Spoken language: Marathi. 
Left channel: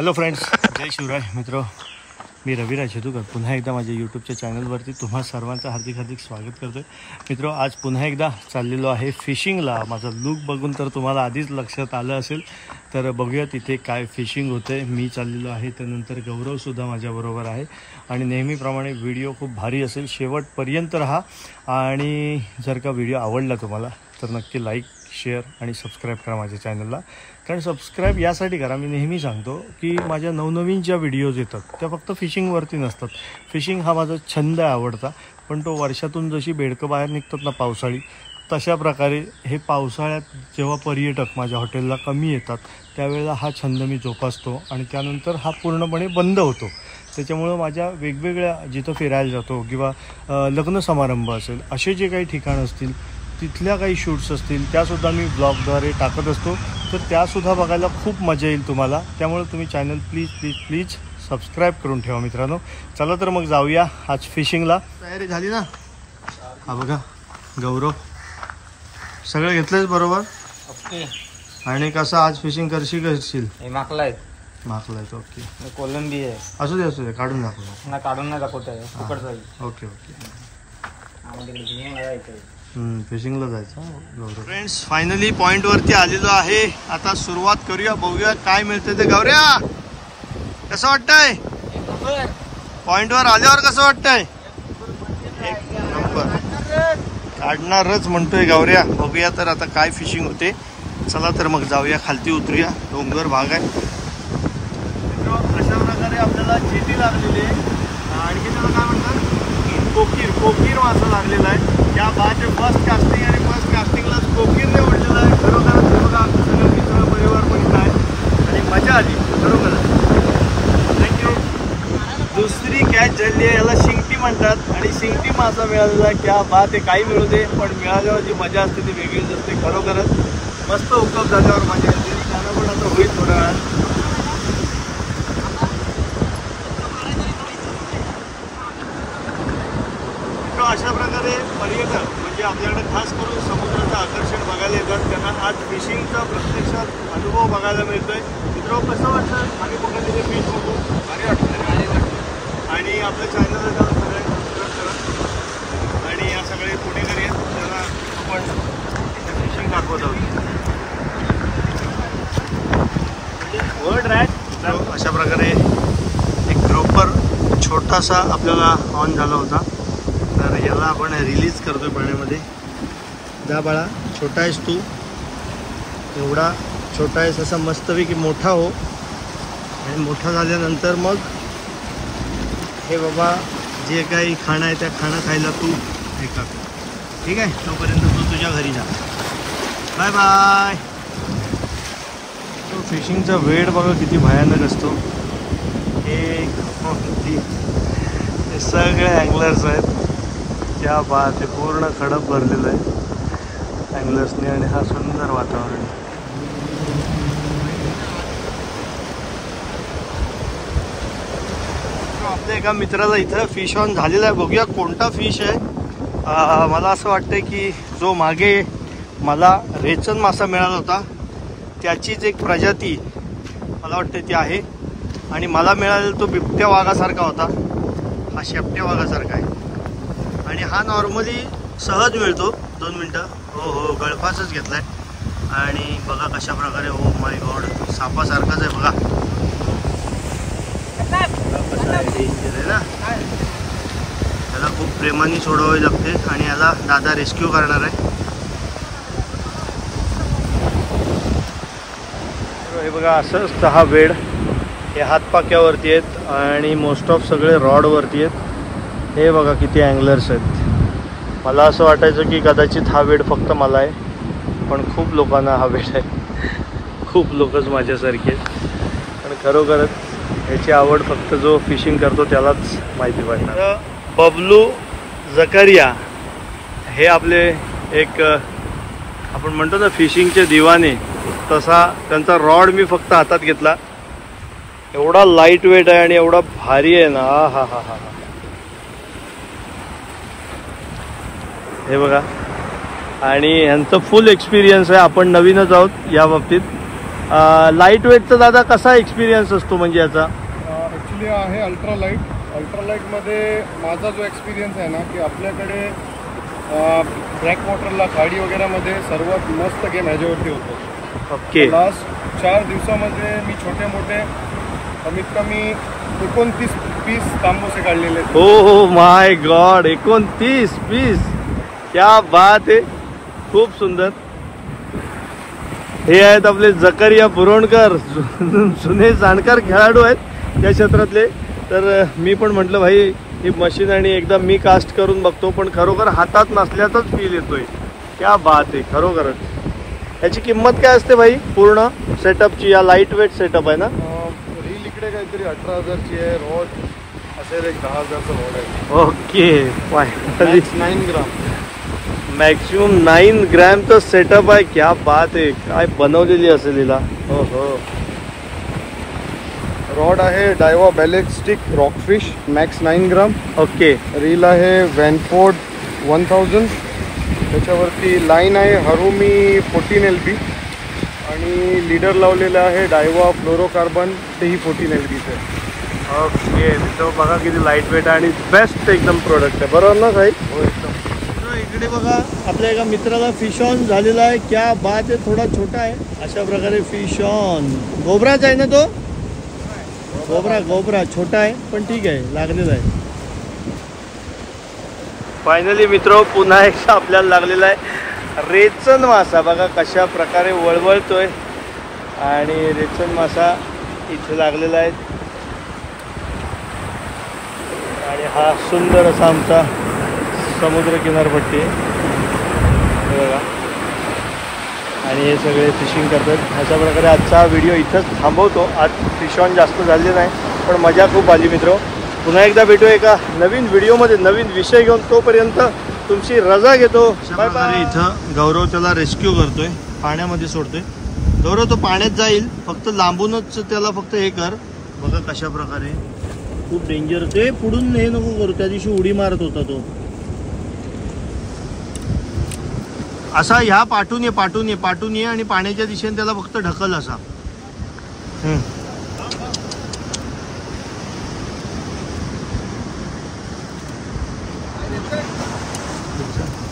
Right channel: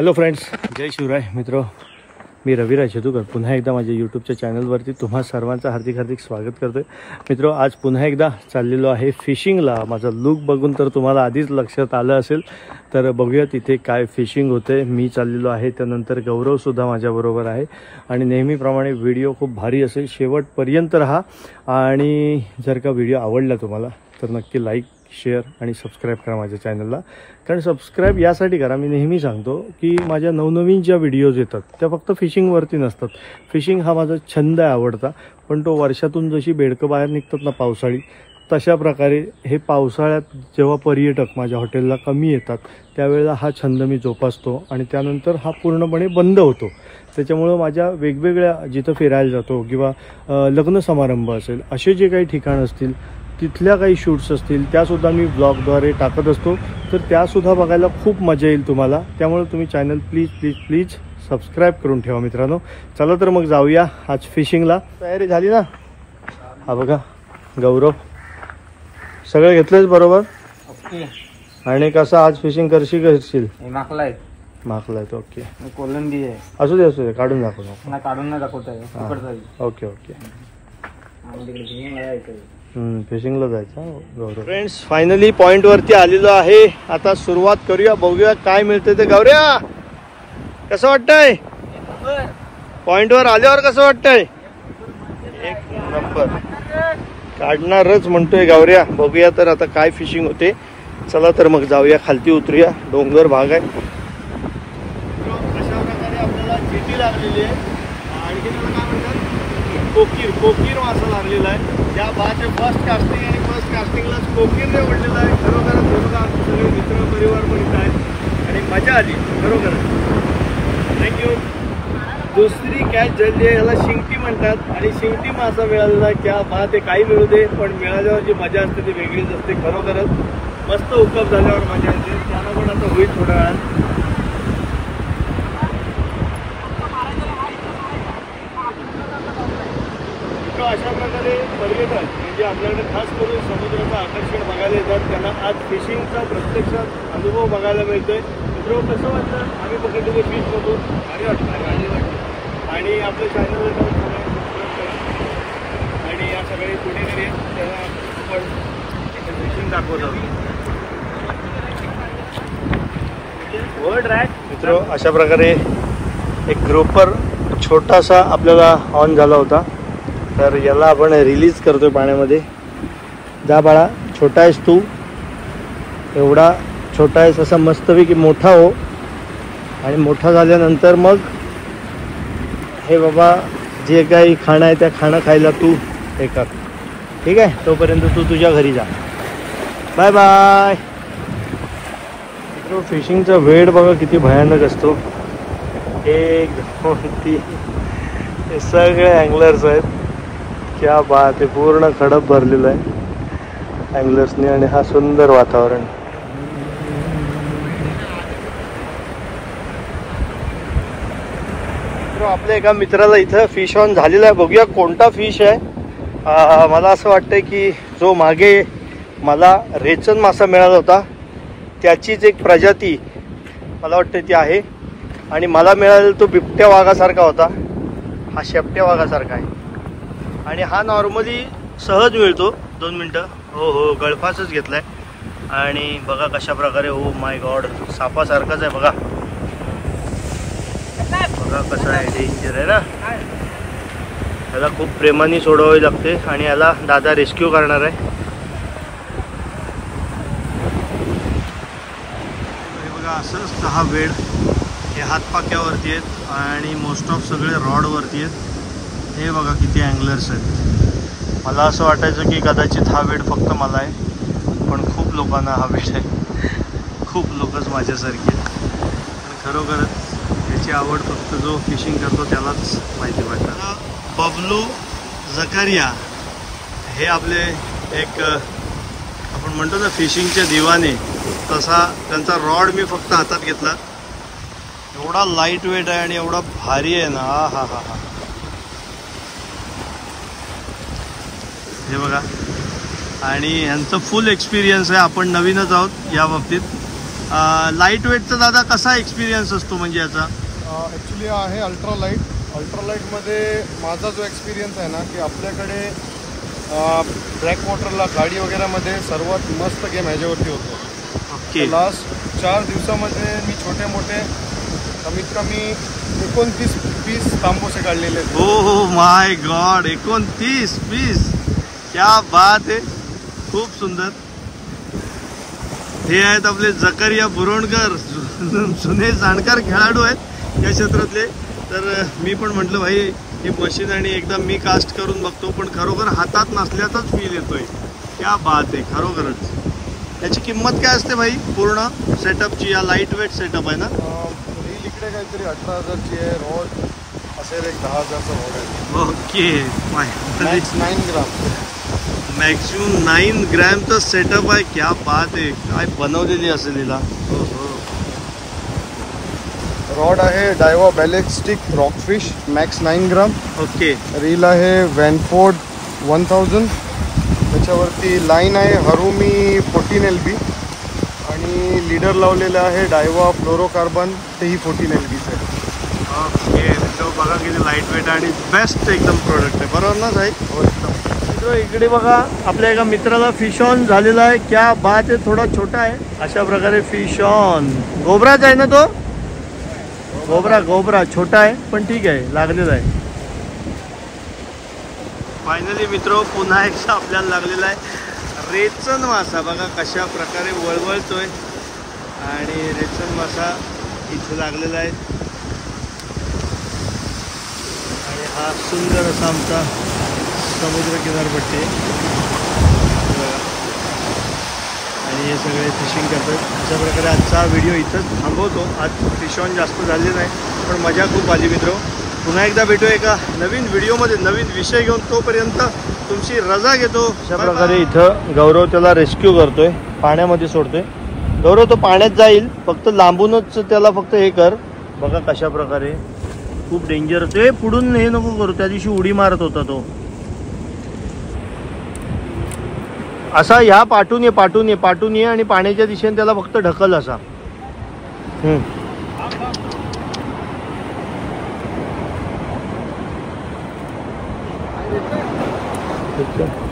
हॅलो फ्रेंड्स, जय शिवराय मित्र. मी रविराज शेतुकर पुन्हा एकदा माझ्या यूट्यूबच्या चॅनलवरती तुम्हा सर्वांचं हार्दिक स्वागत करतो आहे. मित्र, आज पुन्हा एकदा चाललेलो आहे फिशिंगला. माझा लुक बघून तर तुम्हाला आधीच लक्षात आलं असेल. तर बघूया तिथे काय फिशिंग होते. मी चाललेलो आहे, त्यानंतर गौरवसुद्धा माझ्याबरोबर आहे आणि नेहमीप्रमाणे व्हिडिओ खूप भारी असेल, शेवटपर्यंत राहा. आणि जर का व्हिडिओ आवडला तुम्हाला तर नक्की लाईक, शेअर आणि सबस्क्राईब करा माझ्या चॅनलला. कारण सबस्क्राईब यासाठी करा, मी नेहमी सांगतो की माझ्या नवनवीन ज्या व्हिडिओज येतात त्या फक्त फिशिंगवरती नसतात. फिशिंग हा माझा छंद आहे, आवडता, पण तो वर्षातून जशी बेडकं बाहेर निघतात ना पावसाळी, तशा प्रकारे हे पावसाळ्यात जेव्हा पर्यटक माझ्या हॉटेलला कमी येतात त्यावेळेला हा छंद मी जोपासतो आणि त्यानंतर हा पूर्णपणे बंद होतो. त्याच्यामुळं माझ्या वेगवेगळ्या जिथं फिरायला जातो किंवा लग्न समारंभ असेल, असे जे काही ठिकाण असतील तिथल्या काही शूट्स असतील त्यासुद्धा मी ब्लॉगद्वारे टाकत असतो. तर त्यासुद्धा बघायला खूप मजा येईल तुम्हाला. त्यामुळे तुम्ही चॅनल प्लीज सबस्क्राईब करून ठेवा मित्रांनो. चला तर मग जाऊया आज फिशिंगला. तयारी झाली ना? हा बघा गौरव, सगळं घेतलंच बरोबर. आणि कसं आज फिशिंग करशील? माकलाय ओके. कोलंबी आहे. असू दे काढून दाखव. काढून नाही दाखवत. ओके. फिशिंगला जायचं गौरव. फ्रेंड्स, फायनली पॉइंट वरती आलेलो आहे. आता सुरुवात करूया, बघूया काय मिळतं ते. गौऱ्या, कसं वाटतंय पॉइंट वर आल्यावर? कसं वाटतंय? एक नंबर. काढणारच म्हणतोय गौऱ्या. बघूया तर आता काय फिशिंग होते. चला तर मग जाऊया, खालती उतरूया. डोंगर भाग आहे. अशा प्रकारे आपल्याला जेटी लागलेली आहे. आणखी त्याला काय म्हणतात, कोकीर मासा लागलेला आहे. त्या बाचे फर्स्ट कास्टिंग आणि फर्स्ट कास्टिंगला कोकीर निवडलेलं आहे. खरोखरच बघा, सगळे मित्र परिवार पण काय आणि मजा आली खरोखर. थँक्यू. दुसरी कॅच झाली आहे, याला शिंगटी म्हणतात आणि शिंगटी मासा मिळालेला आहे. क्या बात आहे. काही मिळू दे, पण मिळाल्यावर जी मजा असते ती वेगळीच असते खरोखरच. मस्त हुकअप झाल्यावर मजा येते. त्याला पण आता होईल थोड्या वेळात. अशा प्रकारे पर्यटक म्हणजे आपल्याकडे खास करून समुद्राचं आकर्षण बघायला येतात. त्यांना आज फिशिंगचा प्रत्यक्षात अनुभव बघायला मिळतोय. मित्र, कसं वाटतं आम्ही पकडलेले फिश बघून? आणि आपल्या चॅनलला जाऊन सगळ्यांनी सबस्क्राईब करा. आणि या सगळे पुणेकरी आहेत, त्याला आपण फिशिंग दाखवतो. मित्र, अशा प्रकारे एक ग्रुपर छोटासा आपल्याला ऑन झाला होता. तर याला आपण रिलीज करतोय पाण्यामध्ये. जा बाळा, छोटा आहेस तू, एवढा छोटा आहेस, असा मस्तपैकी मोठा हो. आणि मोठा झाल्यानंतर मग हे बाबा जे काही खाणं आहे त्या खाणं खायला तू हे कर, ठीक आहे? तोपर्यंत तू तुझ्या घरी जा. Bye bye. तो फिशिंगचा वेळ बघा किती भयानक असतो. 1 2 3 हे सगळे अँगलर्स आहेत. क्या बात आहे. पूर्ण खडप भरलेलं आहे अँगलर्सने आणि हा सुंदर वातावरण. आपल्या एका मित्राला इथं फिश ऑन झालेला आहे. बघूया कोणता फिश आहे. मला असं वाटतंय की जो मागे मला रेचन मासा मिळाला होता त्याचीच एक प्रजाती मला वाटतं ती आहे. आणि मला मिळालेला तो बिबट्या वाघासारखा होता. हा शेपट्या वाघासारखा आहे. आणि हा नॉर्मली सहज मिळतो. 2 मिनटं. हो गळफासच घेतलाय. आणि बघा कशा प्रकारे, ओ माय गॉड, सापासारखाच आहे बघा. कसं आहे, डेंजर आहे ना. याला खूप प्रेमाने सोडवावी लागते आणि याला दादा रेस्क्यू करणार आहे. हे बघा, असं असतं हा वेड. हे हातपाक्यावरती आहेत आणि मोस्ट ऑफ सगळे रॉडवरती आहेत. हे बघा किती अँगलर्स आहेत. मला असं वाटायचं की कदाचित हा वेड फक्त मला आहे, पण खूप लोकांना हा वेड आहे. खूप लोकच माझ्यासारखे आहेत. पण खरोखरच याची आवड फक्त जो फिशिंग करतो त्यालाच माहिती पडणार. बबलू जकारिया हे आपले एक आपण म्हणतो ना फिशिंगचे दिवाने, तसा त्यांचा रॉड मी फक्त हातात घेतला. एवढा लाईट वेट आहे आणि एवढा भारी आहे ना. हा. हे बघा. आणि यांचं फुल एक्सपिरियन्स आहे. आपण नवीनच आहोत या बाबतीत. लाईट वेटचा दादा कसा एक्सपिरियन्स असतो म्हणजे याचा? ॲक्च्युली आहे अल्ट्रालाईटमध्ये माझा जो एक्सपिरियन्स आहे ना की आपल्याकडे ब्लॅक वॉटरला गाडी वगैरेमध्ये सर्वात मस्त गेम ह्याच्यावरती होतो. ओके. लास्ट 4 दिवसामध्ये मी छोटे मोठे कमीत कमी 29 पीस तांबूसे काढलेले आहेत. हो माय गॉड, 29 पीस, क्या बात आहे, खूप सुंदर. हे आहेत आपले जकरिया पुरोणकर, जुने जाणकार खेळाडू आहेत या क्षेत्रातले. तर मी पण म्हटलं भाई ही मशीन आणि एकदा मी कास्ट करून बघतो, पण खरोखर हातात नसल्याचाच फील येतोय. क्या बात आहे खरोखरच. याची किंमत काय असते भाई पूर्ण सेटअपची? या लाईट वेट सेटअप आहे ना? रील इकडे काहीतरी 18,000ची आहे, रॉड असेल एक 10,000चा रॉड आहे. ओके. 9 ग्राम मॅक्सिमम 9 ग्रॅमचं सेटअप आहे. क्या बात आहे. काय बनवलेली असेल हिला. हो हो. रॉड आहे डायवा बॅलिस्टिक रॉकफिश मॅक्स 9 ग्राम. ओके. रील आहे वॅनफोर्ड 1000. त्याच्यावरती लाईन आहे हरुमी 14 LB आणि लीडर लावलेलं आहे डायवा फ्लोरोकार्बन, तेही 14 LBचं आहे. ओके मित्र, बघा किती लाईट वेट आणि बेस्ट एकदम प्रोडक्ट आहे, बरोबर ना साहेब? मित्र इकडे बघा आपल्या एका मित्राला फिश ऑन झालेला आहे. क्या बात आहे. थोडा छोटा आहे अशा प्रकारे फिश ऑन. गोबराच आहे ना तो? गोबरा छोटा आहे पण ठीक आहे, लागलेला आहे. फायनली मित्र पुन्हा एकदा आपल्याला लागलेला आहे रेचन मासा. बघा कशा प्रकारे वळवळतोय आणि रेचन मासा इथे लागलेला आहे. आणि हा सुंदर असा आमचा समुद्र किनारपट्टी हे बघा. आणि हे सगळे फिशिंग करतात. अशा प्रकारे आजचा हा व्हिडिओ इथंच थांबवतो. आज फिश ऑन जास्त झाले नाही पण मजा खूप आली मित्र. पुन्हा एकदा भेटू एका नवीन व्हिडिओमध्ये नवीन विषय घेऊन. तोपर्यंत तुमची रजा घेतो. अशा प्रकारे इथं गौरव त्याला रेस्क्यू करतोय, पाण्यामध्ये सोडतोय. गौरव तो पाण्यात जाईल, फक्त लांबूनच त्याला फक्त हे कर. बघा कशा प्रकारे खूप डेंजर होते. पुढून हे नको करू, त्या दिवशी उडी मारत होता तो. असा ह्या पाठून ये आणि पाण्याच्या दिशेने त्याला फक्त ढकल असा. ठीक आहे.